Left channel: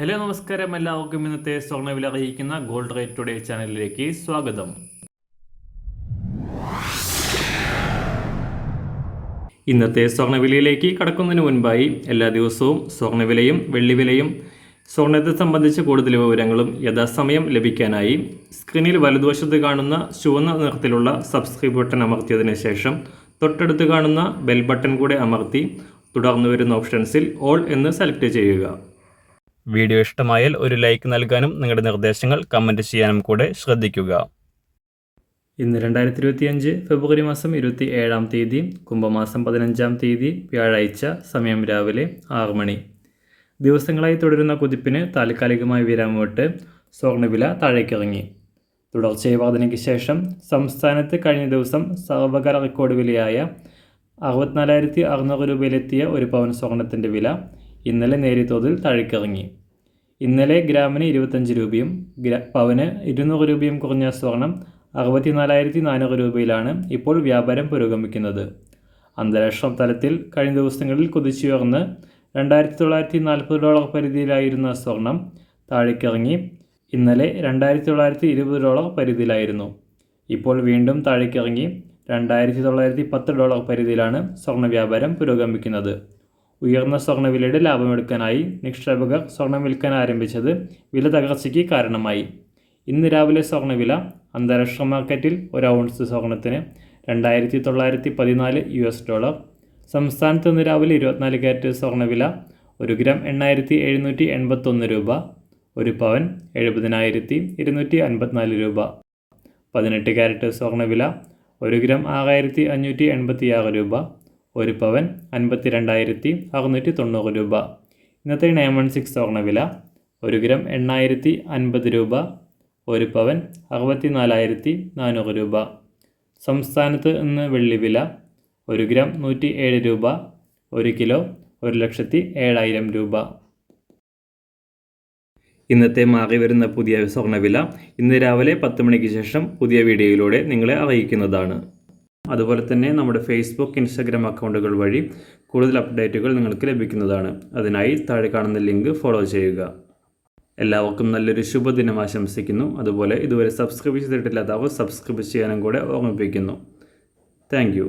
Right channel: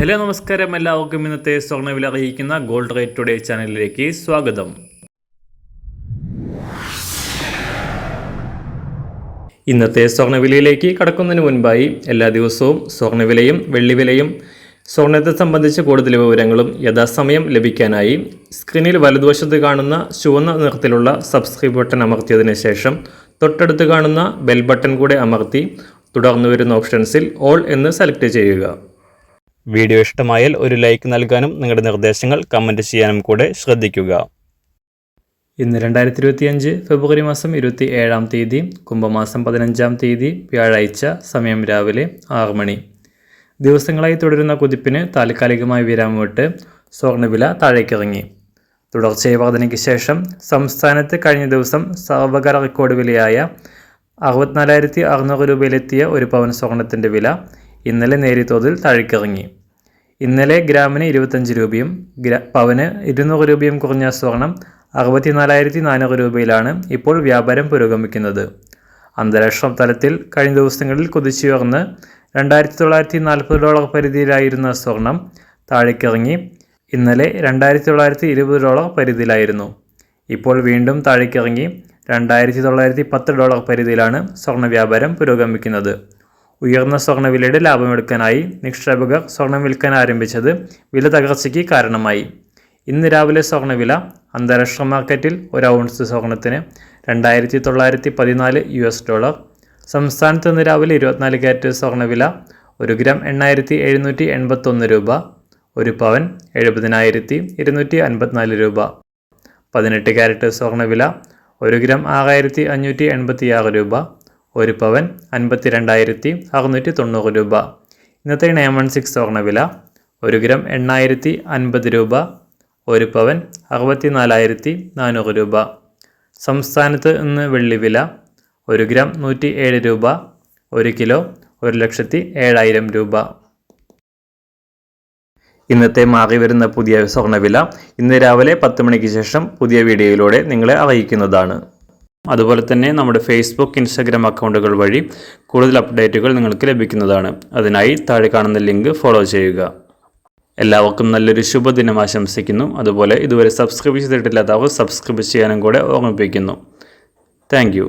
Hello നമസ്കാരം, എല്ലാവർക്കും ഇന്നത്തെ സ്വർണ്ണവില അറിയിക്കുന്ന ഗോൾഡ് റേറ്റ് ടുഡേ ചാനലിലേക്ക് സ്വാഗതം. ഇന്നത്തെ സ്വർണ്ണവിലയിലേക്ക് കടക്കുന്നതിന് മുൻപായി എല്ലാ ദിവസവും സ്വർണ്ണവിലയും വെള്ളിവിലയും സ്വർണ്ണത്തെ സംബന്ധിച്ച് കൂടുതൽ വിവരങ്ങളും യഥാസമയം ലഭിക്കാനായി സ്ക്രീനിൽ വലതുവശത്ത് കാണുന്ന ചുവന്ന നിറത്തിലുള്ള സബ്സ്ക്രൈബ് ബട്ടൺ അമർത്തിയതിനു ശേഷം തൊട്ടടുത്ത് കാണുന്ന ബെൽ ബട്ടൺ കൂടെ അമർത്തി തുടർന്ന് വരുന്ന ഓപ്ഷൻസിൽ ഓൾ എന്ന് സെലക്ട് ചെയ്യുക. വീഡിയോ ഇഷ്ടമായാൽ ഒരു ലൈക്ക് നൽകാനും നിങ്ങളുടെ നിർദ്ദേശങ്ങൾ കമൻറ്റ് ചെയ്യാനും കൂടെ ശ്രദ്ധിക്കുക. ഇന്ന് 2025 ഫെബ്രുവരി മാസം 27-ാം തീയതി, കുംഭമാസം 15-ാം തീയതി, വ്യാഴാഴ്ച. സമയം രാവിലെ 6 മണി. ദിവസങ്ങളായി തുടരുന്ന കുതിപ്പിന് താൽക്കാലികമായി വിരാമമിട്ട് സ്വർണ്ണവില താഴേക്കിറങ്ങി. തുടർച്ചയായ വർധനയ്ക്ക് ശേഷം സംസ്ഥാനത്ത് കഴിഞ്ഞ ദിവസം സർവകാല റെക്കോർഡ് വിലയായ 64,600 രൂപയിലെത്തിയ ഒരു പവൻ സ്വർണത്തിൻ്റെ വില ഇന്നലെ നേരിയ തോതിൽ താഴേക്കിറങ്ങി. ഇന്നലെ ഗ്രാമിന് 25 രൂപയും പവന് 200 രൂപയും കുറഞ്ഞ സ്വർണം 64,400 രൂപയിലാണ് ഇപ്പോൾ വ്യാപാരം പുരോഗമിക്കുന്നത്. അന്താരാഷ്ട്ര തലത്തിൽ കഴിഞ്ഞ ദിവസങ്ങളിൽ കുതിച്ചുയർന്ന് $2,940 പരിധിയിലായിരുന്ന സ്വർണം താഴേക്കിറങ്ങി ഇന്നലെ $2,920 പരിധിയിലായിരുന്നു. ഇപ്പോൾ വീണ്ടും താഴേക്കിറങ്ങി $2,910 പരിധിയിലാണ് സ്വർണ്ണ വ്യാപാരം പുരോഗമിക്കുന്നത്. ഉയർന്ന സ്വർണ്ണവിലയുടെ ലാഭമെടുക്കാനായി നിക്ഷേപകർ സ്വർണം വിൽക്കാൻ ആരംഭിച്ചത് വില തകർച്ചയ്ക്ക് കാരണമായി. ഇന്ന് രാവിലെ സ്വർണ്ണവില അന്താരാഷ്ട്ര മാർക്കറ്റിൽ ഒരു ഔൺസ് സ്വർണത്തിന് $2,914. സംസ്ഥാനത്ത് ഇന്ന് രാവിലെ 24 ക്യാരറ്റ് സ്വർണ്ണവില 1 ഗ്രാം 8,781 രൂപ, ഒരു പവൻ 70,254 രൂപ. 18 ക്യാരറ്റ് സ്വർണ്ണവില 1 ഗ്രാം 6,586 രൂപ, ഒരു പവൻ 52,690 രൂപ. ഇന്നത്തെ 916 സ്വർണ്ണവില 1 ഗ്രാം 8,050 രൂപ, ഒരു പവൻ 64,400 രൂപ. സംസ്ഥാനത്ത് ഇന്ന് വെള്ളിവില 1 ഗ്രാം 107 രൂപ, 1 കിലോ 1,07,000 രൂപ. ഇന്നത്തെ മാറി വരുന്ന പുതിയ സ്വർണ്ണവില ഇന്ന് രാവിലെ 10 മണിക്ക് ശേഷം പുതിയ വീഡിയോയിലൂടെ നിങ്ങളെ അറിയിക്കുന്നതാണ്. അതുപോലെ തന്നെ നമ്മുടെ ഫേസ്ബുക്ക്, ഇൻസ്റ്റാഗ്രാം അക്കൗണ്ടുകൾ വഴി കൂടുതൽ അപ്ഡേറ്റുകൾ നിങ്ങൾക്ക് ലഭിക്കുന്നതാണ്. അതിനായി താഴെ കാണുന്ന ലിങ്ക് ഫോളോ ചെയ്യുക. എല്ലാവർക്കും നല്ലൊരു ശുഭദിനം ആശംസിക്കുന്നു. അതുപോലെ ഇതുവരെ സബ്സ്ക്രൈബ് ചെയ്തിട്ടില്ലാത്തവർ സബ്സ്ക്രൈബ് ചെയ്യാനും കൂടെ ഓർമ്മിപ്പിക്കുന്നു. താങ്ക്